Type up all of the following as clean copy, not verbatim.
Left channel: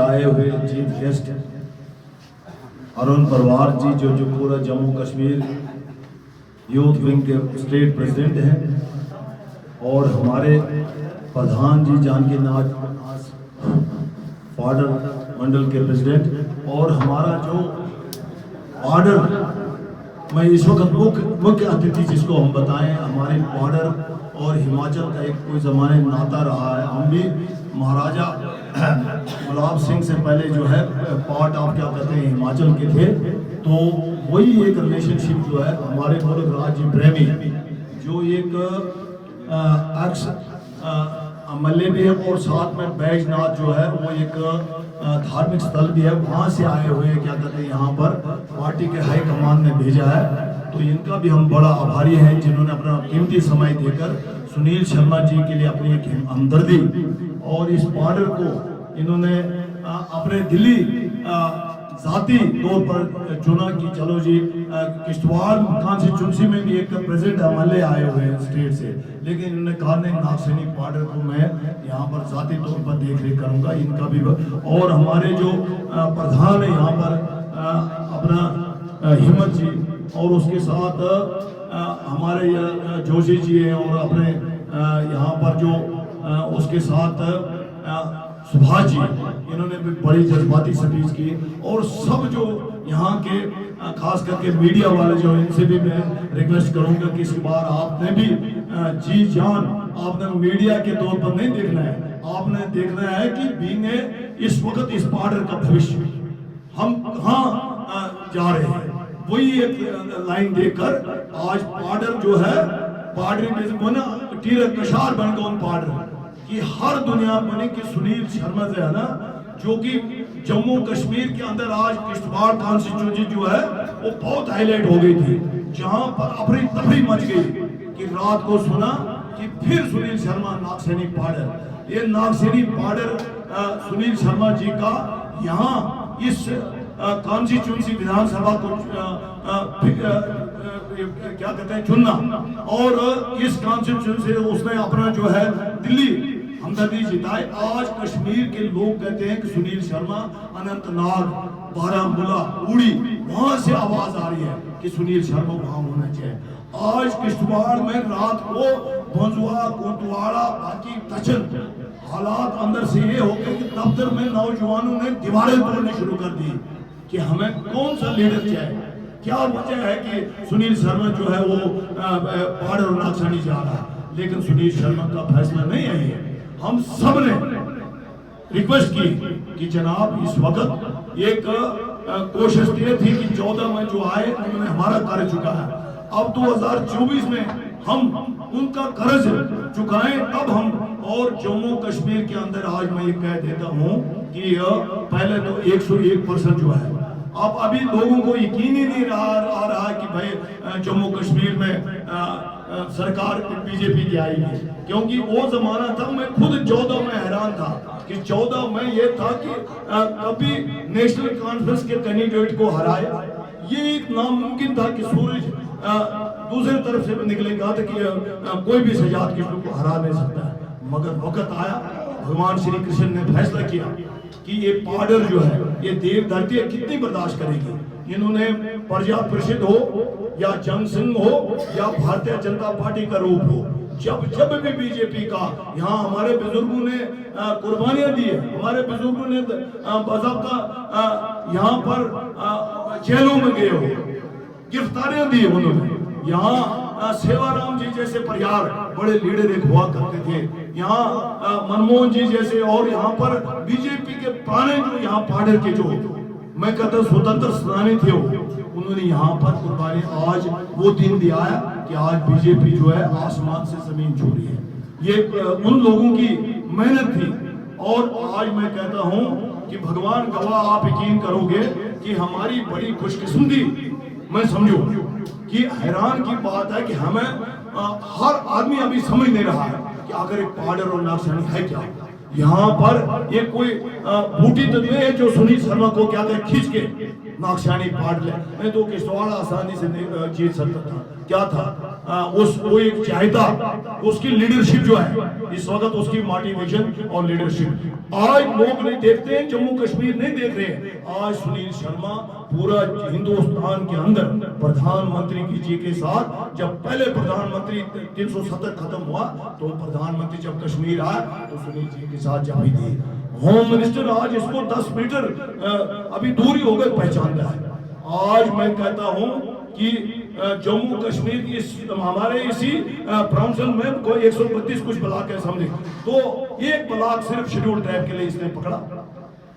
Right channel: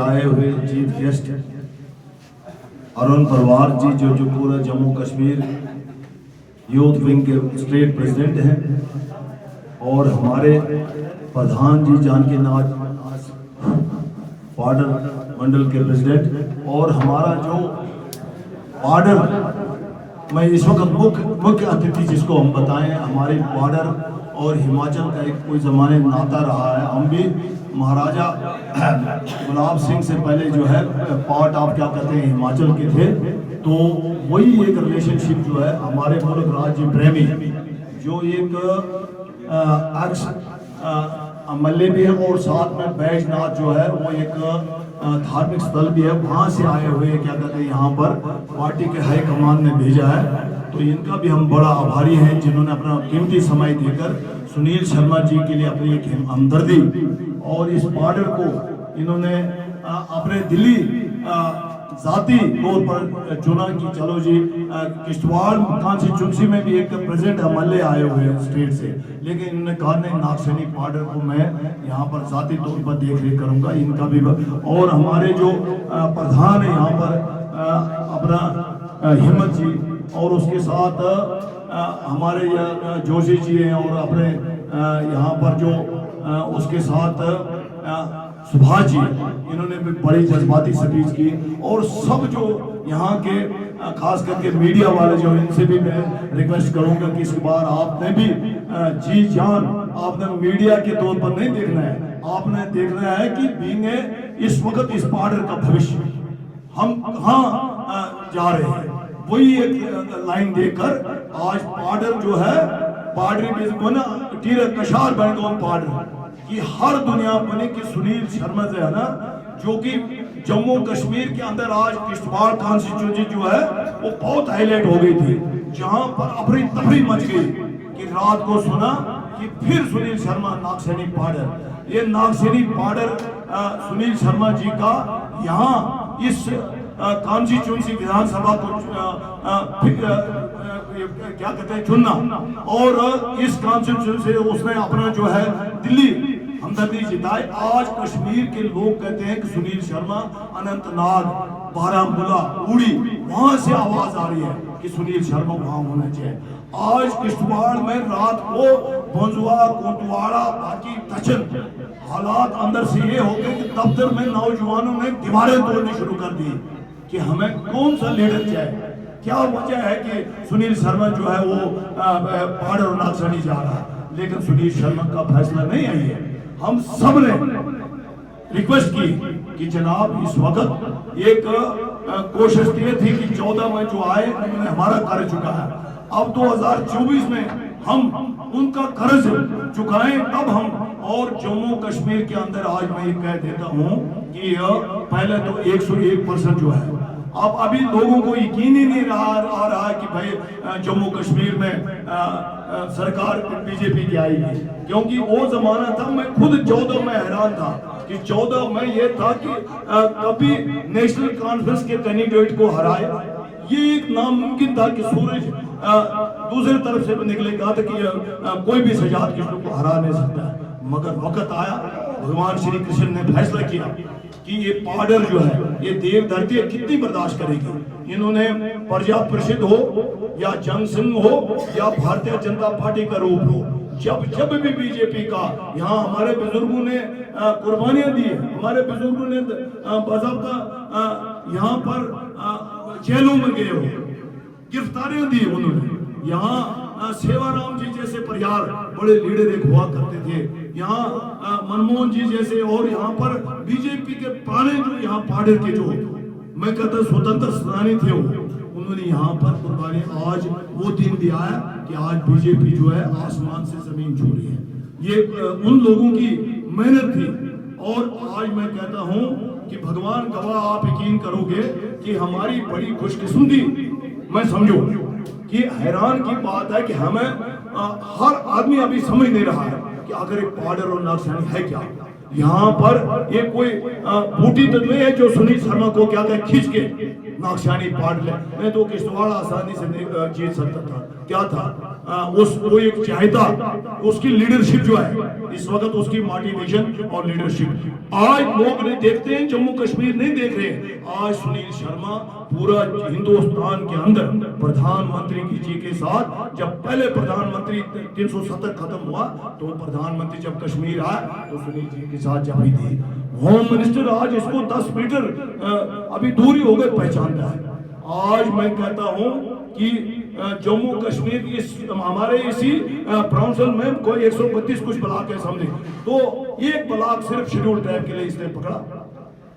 आए हुए chief guest Arun परवार जी जो पूरा जम्मू कश्मीर यूथ विंग के स्टेट प्रेसिडेंट हैं और हमारे प्रधान जी जानकी नाथ बॉर्डर मंडल के प्रेसिडेंट और हमारा जो बॉर्डर में इस वक्त मुख्य अतिथि जिसको हम बताएं हमारे बॉर्डर और हिमाचल का एक कोई ज़माने नाता रहा है। हम भी महाराजा गुलाब सिंह से पहले जो है पार्ट ऑफ क्या कहते हैं हिमाचल के थे, तो वही एक रिलेशनशिप जो है हमारे मुल्क राज्य प्रेमी जो एक अक्स एमएलए भी है और साथ में बैजनाथ जो है वो एक धार्मिक स्थल भी है, वहाँ से आए हुए क्या कहते हैं यहाँ पर पार्टी के हाईकमान ने भेजा है। तो इनका भी हम बड़ा आभारी हैं जिन्होंने अपना कीमती समय देकर सुनील शर्मा जी के लिए अपनी एक हमदर्दी और इस बॉर्डर को इन्होंने अपने दिल्ली जाती तौर पर चुना कि चलो जी किश्तवाड़ कॉन्स्टिट्यूंसी में भी एक प्रेजेंट एमएलए आए हुए हैं स्टेट से, लेकिन इन्होंने कहा नहीं नागसैनी बॉर्डर को मैं यहाँ पर जाती तौर पर देख रेख करूँगा इनका भी। और हमारे जो प्रधान है यहाँ पर अपना हिम्मत जी और उसके साथ हमारे जोशी जी हैं और अपने यहाँ पर जो उसके साथ सुभाष जी इन्होंने भी बड़ी जज्बाती स्पीच की और सब जो यहाँ के खास करके मीडिया वाले जो इनसे भी मैं रिक्वेस्ट करूँगा कि इस बार आपने भी जी जान आपने मीडिया के तौर पर नहीं देखना है, आपने देखना है कि बीइंग इस वक्त इस बॉर्डर का भविष्य हम कहाँ जा रहे हैं, वही एक लाइन देकर आज बॉर्डर जो है बॉर्डर टीर कशार बनकर बॉर्डर कि हर दुनिया बने कि सुनील शर्मा से है ना जो कि जम्मू कश्मीर के अंदर आज किश्तवाड़ कॉन्स्टिट्यूंसी जो है वो बहुत हाईलाइट हो गई थी, जहां पर अफरी तफरी मच गई कि रात को सुना कि फिर सुनील शर्मा नागसैनी बॉर्डर, ये नागसैनी बॉर्डर सुनील शर्मा जी का यहाँ इस कॉन्स्टिट्यूंसी विधानसभा को क्या कहते हैं चुनना और इस कॉन्स्टिट्यूंसी से उसने अपना जो है दिल्ली हमदर्दी जिताई। आज कश्मीर के लोग कहते हैं कि सुनील शर्मा अनंतनाग बारामूला उड़ी वहां से आवाज आ रही है कि सुनील शर्मा वहां होना चाहिए। आज किश्तवाड़ में रात को बंजुआ कोतवाड़ा बाकी तचन हालात अंदर से ये हो गए कि दफ्तर में नौजवानों ने दीवारें तोड़नी शुरू कर दी कि हमें कौन सा लीडर चाहिए। क्या वजह है कि सुनील शर्मा जो है वो बॉर्डर और नागसैनी जा रहा है, लेकिन सुनील शर्मा का फैसला नहीं आई है। हम सब ने रिक्वेस्ट की कि जनाब इस वक्त एक कोशिश की थी कि 14 में जो आए उन्होंने हमारा कर चुका है, अब 2024 में हम उनका कर्ज चुकाएं तब हम। और जम्मू कश्मीर के अंदर आज मैं कह देता हूं कि पहले तो 101% जो है अब अभी लोगों को यकीन ही नहीं आ रहा है कि भाई जम्मू कश्मीर में सरकार बीजेपी की आएगी, क्योंकि वो जमाना था मैं खुद 14 में हैरान था कि 14 में ये था कि कभी नेशनल कॉन्फ्रेंस के कैंडिडेट को हराए, ये एक नामुमकिन था कि सूरज दूसरी तरफ से निकलेगा था कि कोई भी सजाद किसी को हरा नहीं सकता है। मगर वक्त आया, भगवान श्री कृष्ण ने फैसला किया कि ये बॉर्डर जो है ये देव धरती कितनी बर्दाश्त करेगी। इन्होंने प्रजा परिषद हो या जनसंघ हो या भारतीय जनता पार्टी का रूप हो, जब भी बीजेपी का यहाँ हमारे बुजुर्गों ने कुर्बानियां दी है, हमारे बुजुर्गों ने बाज़ाब्ता यहाँ पर जेलों में गए हो, गिरफ्तारियां दी उन्होंने। यहाँ सेवाराम जी जैसे परिवार बड़े लीडर एक हुआ करते थे, यहाँ मनमोहन जी जैसे, और यहाँ पर बीजेपी के पुराने जो यहाँ बॉर्डर के जो मैं कहता स्वतंत्र सेनानी थे उन्होंने यहाँ पर कुर्बानी। आज वो दिन भी आया कि आज बीजेपी जो है आसमान से जमीन छू रही है, ये उन लोगों की मेहनत थी। और आज मैं कहता हूँ कि भगवान गवाह आप यकीन करोगे कि हमारी बड़ी खुशकिस्मती मैं समझो कि हैरान की बात है कि हमें हर आदमी अभी समझ नहीं रहा है कि अगर एक बॉर्डर और नागसैनी है क्या। यहाँ पर ये कोई बूटी तो नहीं है जो सुनील शर्मा को क्या कर खींच के नागसैनी बॉर्डर ले, मैं तो किश्तवाड़ आसानी से जीत सकता था। क्या था वो एक चाहता, उसकी लीडरशिप जो है इस वक्त उसकी मोटिवेशन और लीडरशिप आज लोग नहीं देखते हैं, जम्मू कश्मीर नहीं देख रहे हैं। आज सुनील शर्मा पूरा हिंदुस्तान के अंदर प्रधानमंत्री जी के साथ, जब पहले प्रधानमंत्री 370 खत्म हुआ तो प्रधानमंत्री जब कश्मीर आया तो सुनील जी के साथ जब भी थे। होम मिनिस्टर आज इसको 10 मीटर अभी दूरी हो गई पहचानता है। आज मैं कहता हूं कि जम्मू कश्मीर इस हमारे इसी प्राउंसल में कोई 132 कुछ ब्लॉक है समझे, तो एक ब्लॉक सिर्फ शेड्यूल ट्राइब के लिए इसने पकड़ा।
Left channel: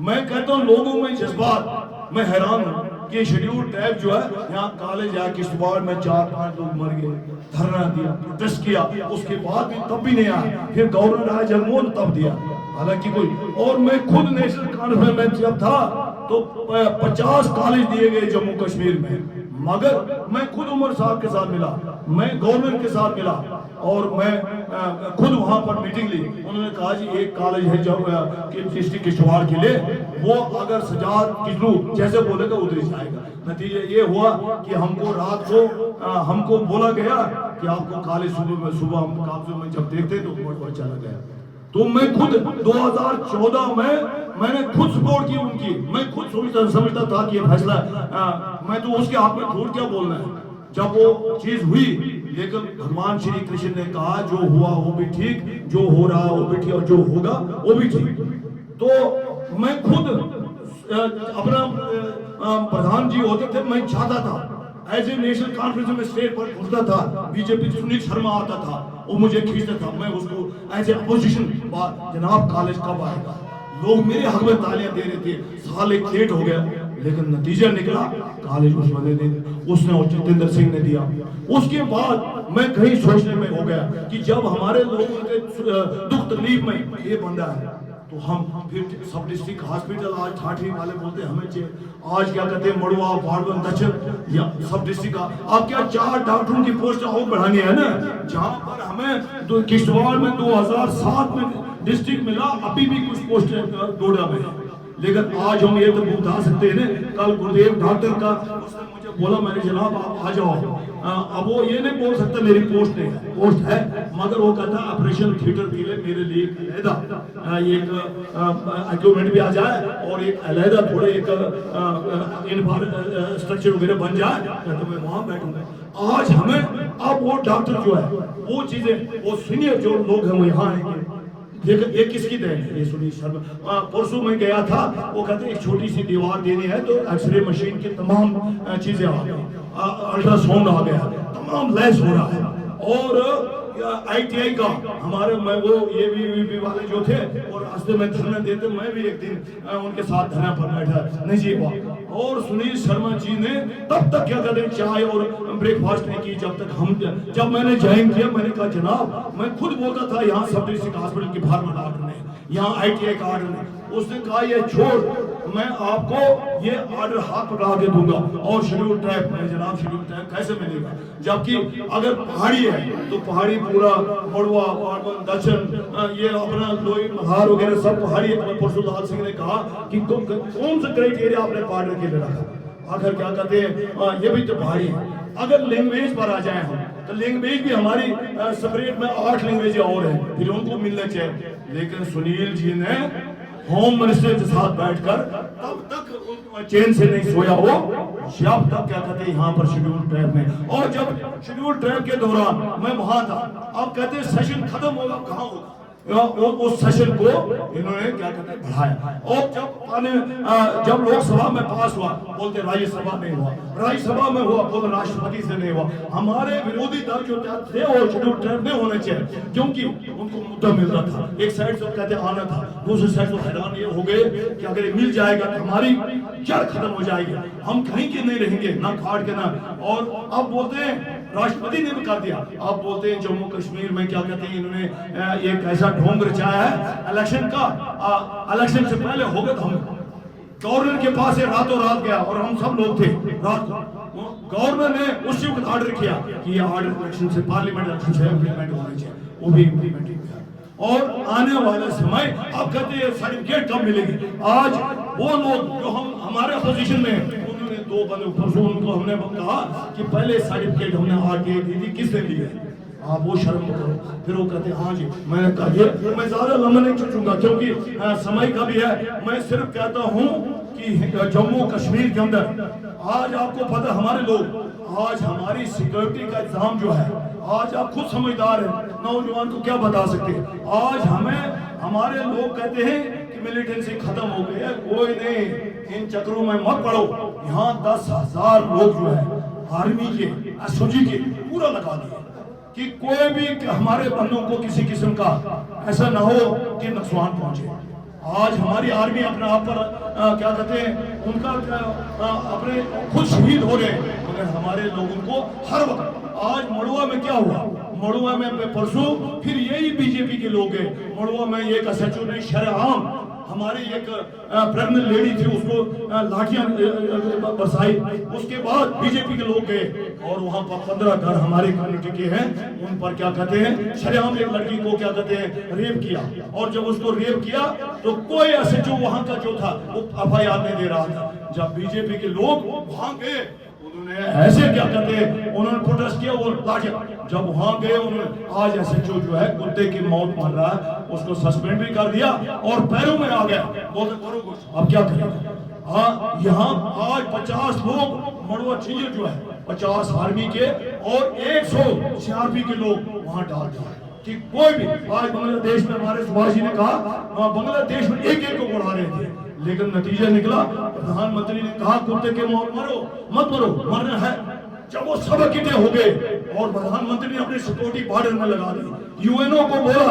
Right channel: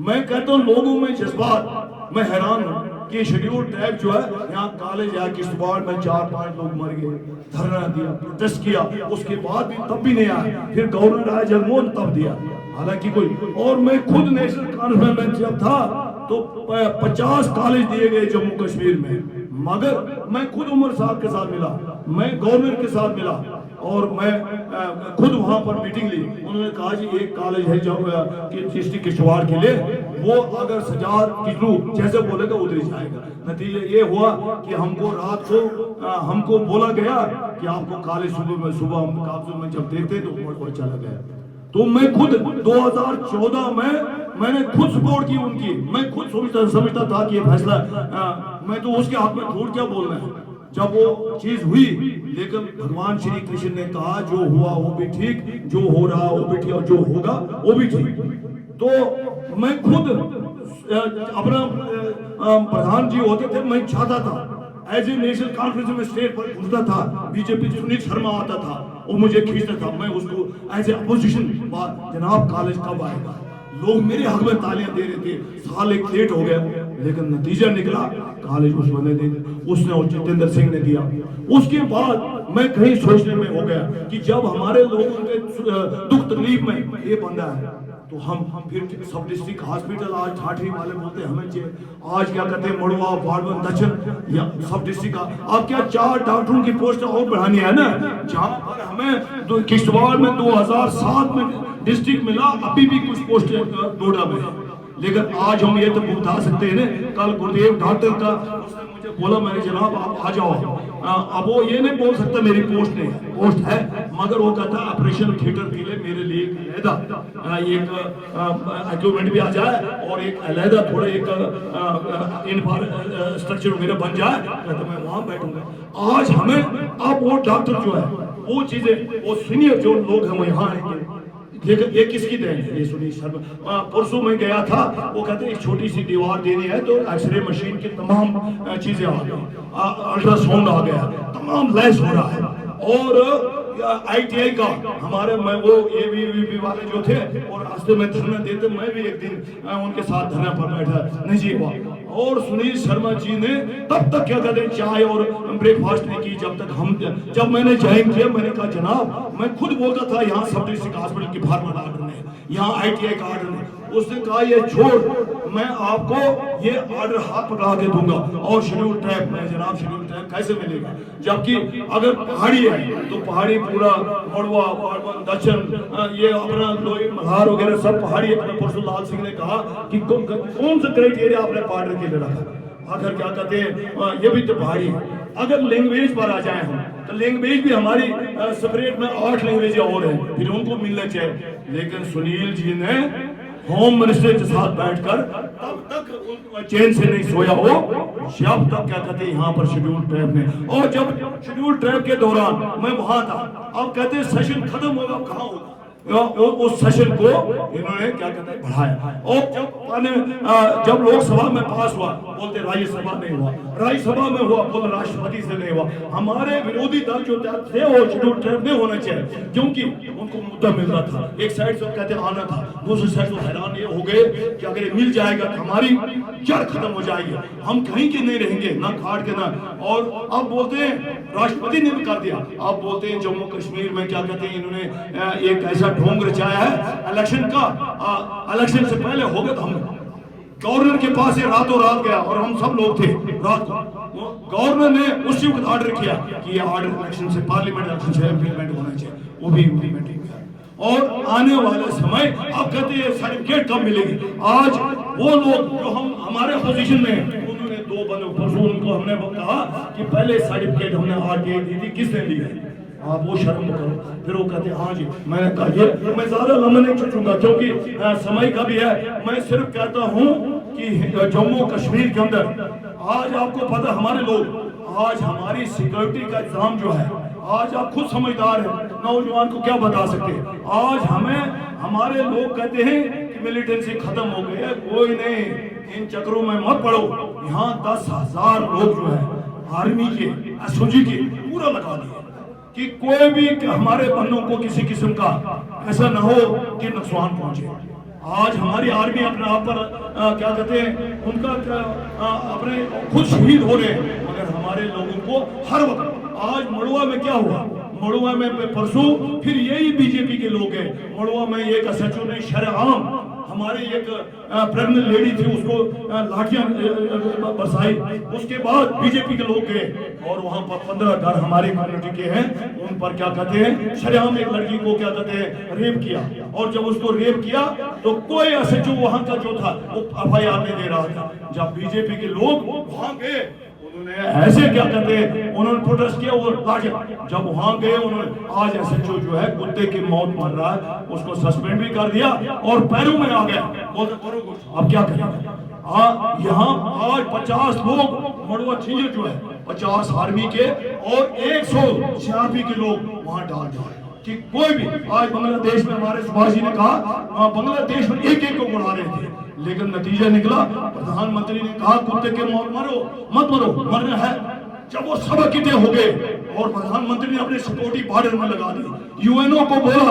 मैं कहता हूं लोगों में जज्बात, मैं हैरान हूं कि शेड्यूल ट्राइब जो है यहाँ कॉलेज या किश्तवाड़ में 4-5 लोग मर गए, धरना दिया, प्रोटेस्ट किया, उसके बाद भी तब भी नहीं आया, फिर गवर्नर आया जगमोहन तब दिया, हालांकि कोई। और मैं खुद नेशनल कॉन्फ्रेंस में जब था तो 50 कॉलेज दिए गए जम्मू कश्मीर में, मगर मैं खुद उमर साहब के साथ मिला, मैं गवर्नर के साथ मिला और मैं खुद वहां पर मीटिंग ली। उन्होंने कहा जी एक कॉलेज है जो डिस्ट्रिक्ट किश्तवाड़ के लिए, वो अगर सजाद किजलू जैसे बोलेगा उधर ही जाएगा। नतीजा ये हुआ कि हमको रात को हमको बोला गया कि आपको कॉलेज सुबह हम काबुल में जब देखते तो उमर चला गया। तो मैं खुद 2014 में मैंने खुद सपोर्ट की उनकी, मैं खुद समझता था कि ये फैसला मैं तो उसके हाथ में झूठ क्या बोलना है जब वो चीज हुई। लेकिन भगवान श्री कृष्ण ने कहा जो हुआ वो भी ठीक, जो हो रहा वो भी ठीक और जो होगा वो भी ठीक। तो मैं खुद अपना प्रधान जी होते थे, मैं चाहता था एज ए नेशनल कॉन्फ्रेंस में स्टेट पर घुसता था, बीजेपी सुनील शर्मा आता था वो मुझे खींचता था, मैं उसको एज ए अपोजिशन जनाब कॉलेज कब आएगा, लोग मेरे हक में तालियां दे रहे थे, साल एक लेट हो गया लेकिन नतीजा निकला कॉलेज उस बंदे ने, उसने और जितेंद्र सिंह ने दिया। उसके बाद मैं कहीं सोचने में हो गया कि जब हमारे लोगों के दुख तकलीफ में ये बंदा है तो हम फिर सब डिस्ट्रिक्ट हॉस्पिटल आज ठाठी वाले बोलते हमें चाहिए, आज क्या कहते हैं मड़वा वार्डवन दक्षिण या सब डिस्ट्रिक्ट का अब क्या 4 डॉक्टरों की पोस्ट और बढ़ानी है ना, जहां पर हमें किश्तवाड़ में 2007 में डिस्ट्रिक्ट मिला, अभी भी कुछ पोस्ट डोडा में, लेकिन आज हम ये तो बता सकते हैं ना। कल गुरुदेव डॉक्टर का उसने मुझे बोला, मैंने जनाब आप आ जाओ, अब वो ये नहीं बोल सकता मेरी पोस्ट नहीं है, पोस्ट है, मगर वो कहता ऑपरेशन थिएटर के लिए मेरे लिए एक अलहदा एक इक्विपमेंट भी आ जाए और एक अलहदा थोड़े एक स्ट्रक्चर वगैरह बन जाए तो मैं वहां बैठूंगा। आज हमें अब वो डॉक्टर जो है वो चीजें वो सीनियर जो लोग हैं वो यहाँ आएंगे, लेकिन ये किसकी देन है, ये सुनील शर्मा। परसों में गया था, वो कहते एक छोटी सी दीवार देनी है तो एक्सरे मशीन की तमाम चीजें आ गई, अल्ट्रासाउंड आ गया, तमाम लैस हो रहा है। और ITI का हमारे मैं वो ABVP वाले जो थे और रास्ते में धरना देते, मैं भी एक दिन उनके साथ धरना पर बैठा नहीं जी हुआ। और सुनील शर्मा जी ने तब तक क्या कहते चाय और ब्रेकफास्ट नहीं की जब तक जब मैंने ज्वाइन किया, मैंने कहा जनाब मैं खुद बोलता था यहाँ सब डिस्ट्रिक्ट हॉस्पिटल की बाहर में ऑर्डर नहीं, यहाँ ITI का ऑर्डर नहीं। उसने कहा ये छोड़, मैं आपको ये ऑर्डर हाथ पकड़ा के दूंगा। और शेड्यूल ट्राइब में जनाब शेड्यूल ट्राइब कैसे मिलेगा, जबकि अगर पहाड़ी है तो पहाड़ी पूरा मड़वा वार्डवन दक्षिण ये अपना लोई मल्हार वगैरह सब पहाड़ी है। परसुलाल सिंह ने कहा कि कौन सा क्राइटेरिया आपने बॉर्डर के लिए रखा, आखिर क्या कहते हैं ये भी तो पहाड़ी है। अगर लैंग्वेज पर आ जाए हम तो लैंग्वेज भी हमारी सेपरेट में 8 लैंग्वेज और है, फिर उनको मिलना चाहिए। लेकिन सुनील जी ने होम मिनिस्टर के साथ बैठकर तब तक चैन से नहीं सोया हो जब तक क्या कहते यहाँ पर शेड्यूल ट्राइब में। और जब शेड्यूल ट्राइब के दौरान मैं वहां था, अब कहते सेशन खत्म होगा, कहाँ होगा, उस सेशन को इन्होंने क्या कहते हैं बढ़ाया। और जब लोकसभा में पास हुआ बोलते राज्यसभा में हुआ, राज्यसभा में हुआ बोलते राष्ट्रपति से नहीं हुआ। हमारे विरोधी दल जो थे और शेड्यूल ट्राइब नहीं होने चाहिए क्योंकि उनको मुद्दा मिल रहा था, एक साइड से कहते आना था, दूसरी साइड से हैरान ये हो गए कि अगर मिल जाएगा तो हमारी जड़ खत्म हो जाएगी, हम कहीं के नहीं रहेंगे ना खाट के ना। और अब बोलते हैं राष्ट्रपति ने भी कर दिया, आप बोलते हैं जम्मू कश्मीर में क्या कहते हैं इन्होंने एक ऐसा ढोंग रचाया है इलेक्शन का, इलेक्शन से पहले होगा तो हम गवर्नर के पास ये रातों रात गया और हम सब लोग थे रात को, गवर्नर ने उसी वक्त ऑर्डर किया कि ये ऑर्डर इलेक्शन से पार्लियामेंट इलेक्शन से इम्प्लीमेंट होना चाहिए, वो भी इम्प्लीमेंट किया। और आने वाले समय अब कहते हैं सर्टिफिकेट कब मिलेगी। आज वो लोग जो हमारे अपोजिशन में उन्होंने 2 बंदे उनको हमने कहा कि पहले सर्टिफिकेट हमने आगे दी थी, किसने दी है, आप वो शर्म करो। फिर वो कहते हाँ जी। मैंने कहा ये मैं ज्यादा लंबा नहीं खींचूंगा क्योंकि समय का भी है। मैं सिर्फ कहता हूँ कि जम्मू कश्मीर के अंदर आज आपको पता, हमारे लोग आज हमारी सिक्योरिटी का इंतजाम जो है, आज आप खुद समझदार हैं, नौजवान को क्या बता सकते हैं। आज हमें हमारे लोग कहते हैं कि मिलिटेंसी खत्म हो गई है, कोई नहीं, इन चक्रों में मत पड़ो। यहाँ 10,000 लोग जो है आर्मी के, एसओजी के पूरा लगा दिए कि कोई भी हमारे बंदों को किसी किस्म का ऐसा ना हो कि नुकसान पहुंचे। आज हमारी आर्मी अपने आप पर क्या कहते हैं, उनका अपने खुद शहीद हो रहे हैं, मगर हमारे लोगों को हर वक्त। आज मड़ुआ में क्या हुआ, मड़ुआ में परसों फिर यही बीजेपी के लोग हैं। मड़ुआ में एक एसएचओ ने शरेआम हमारी एक प्रेग्नेंट लेडी थी, उसको लाठियां बरसाई। उसके बाद बीजेपी के लोग गए और वहां पर 15 घर हमारे कम्युनिटी के हैं, उन पर क्या कहते हैं, शरेआम एक लड़की को क्या कहते हैं रेप किया। और जब उसको रेप किया तो कोई एसएचओ वहां का जो था वो एफआईआर नहीं दे रहा था। जब बीजेपी के लोग वहां गए, उन्होंने ऐसे क्या कहते हैं, उन्होंने प्रोटेस्ट किया और लाठियां। जब वहां गए उन्होंने, आज एसएचओ जो है कुत्ते की मौत मर रहा है, उसको सस्पेंड भी कर दिया और पैरों में आ गया, बोलते करो कुछ। अब क्या करेंगे। यहाँ आज 50 लोग मड़ुआ छिंजर जो है 50 आर्मी के और 100 सीआरपी के लोग वहां डाल दिए कि कोई भी। आज बांग्लादेश में हमारे सुभाष जी ने कहा, बांग्लादेश में एक को उड़ा रहे थे, लेकिन नतीजा निकला, प्रधानमंत्री ने कहा कुत्ते के मौत मारो मत मरो, मरना है। जब वो सब इकट्ठे हो गए और प्रधानमंत्री ने अपनी सिक्योरिटी बॉर्डर में लगा दी, यूएनओ को बोला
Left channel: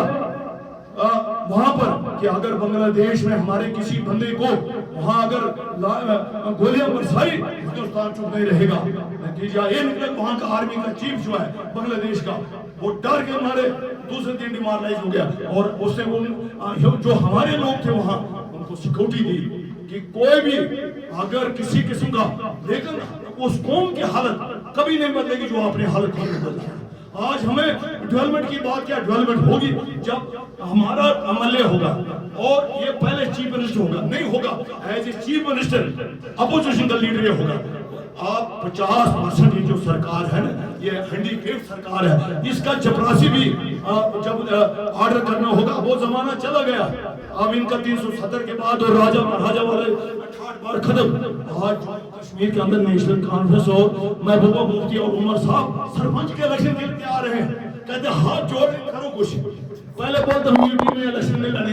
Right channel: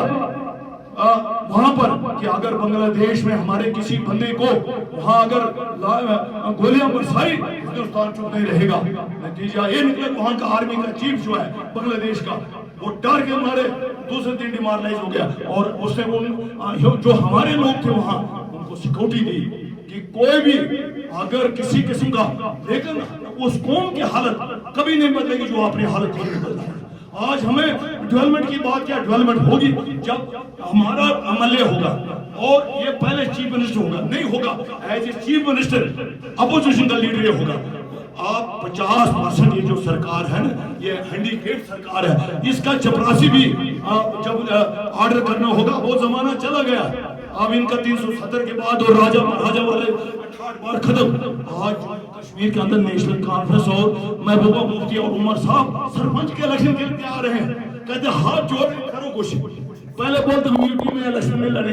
वहां पर कि अगर बांग्लादेश में हमारे किसी बंदे को वहां अगर गोलियां बरसाई, हिंदुस्तान चुप नहीं रहेगा। नतीजा ये निकला, वहां का आर्मी का चीफ जो है बांग्लादेश का, वो डर के मारे दूसरे दिन डिमोरलाइज हो गया। और उसने जो हमारे लोग थे वहां उनको सिक्योरिटी दी कि कोई भी अगर किसी किस्म का, लेकिन उस कौम की हालत कभी नहीं बदलेगी जो अपनी हालत नहीं बदलेगी। आज हमें डेवलपमेंट की बात, क्या डेवलपमेंट होगी जब हमारा एमएलए होगा और ये पहले चीफ मिनिस्टर होगा, नहीं होगा as a chief minister opposition का लीडर ये होगा। आप 50% ये जो सरकार है ना, ये हैंडीकेप सरकार है, इसका चपरासी भी जब ऑर्डर करना होगा, वो जमाना चला गया। अब इनका 370 के बाद और राजा महाराजा वाले 68 बार खत्म। आज कश्मीर के अंदर नेशनल कॉन्फ्रेंस और महबूबा मुफ्ती और उमर साहब सरपंच के इलेक्शन के लिए आ रहे हैं, कहते हाथ जोड़ करो कुछ। पहले बोलते यूपी में इलेक्शन में लड़े।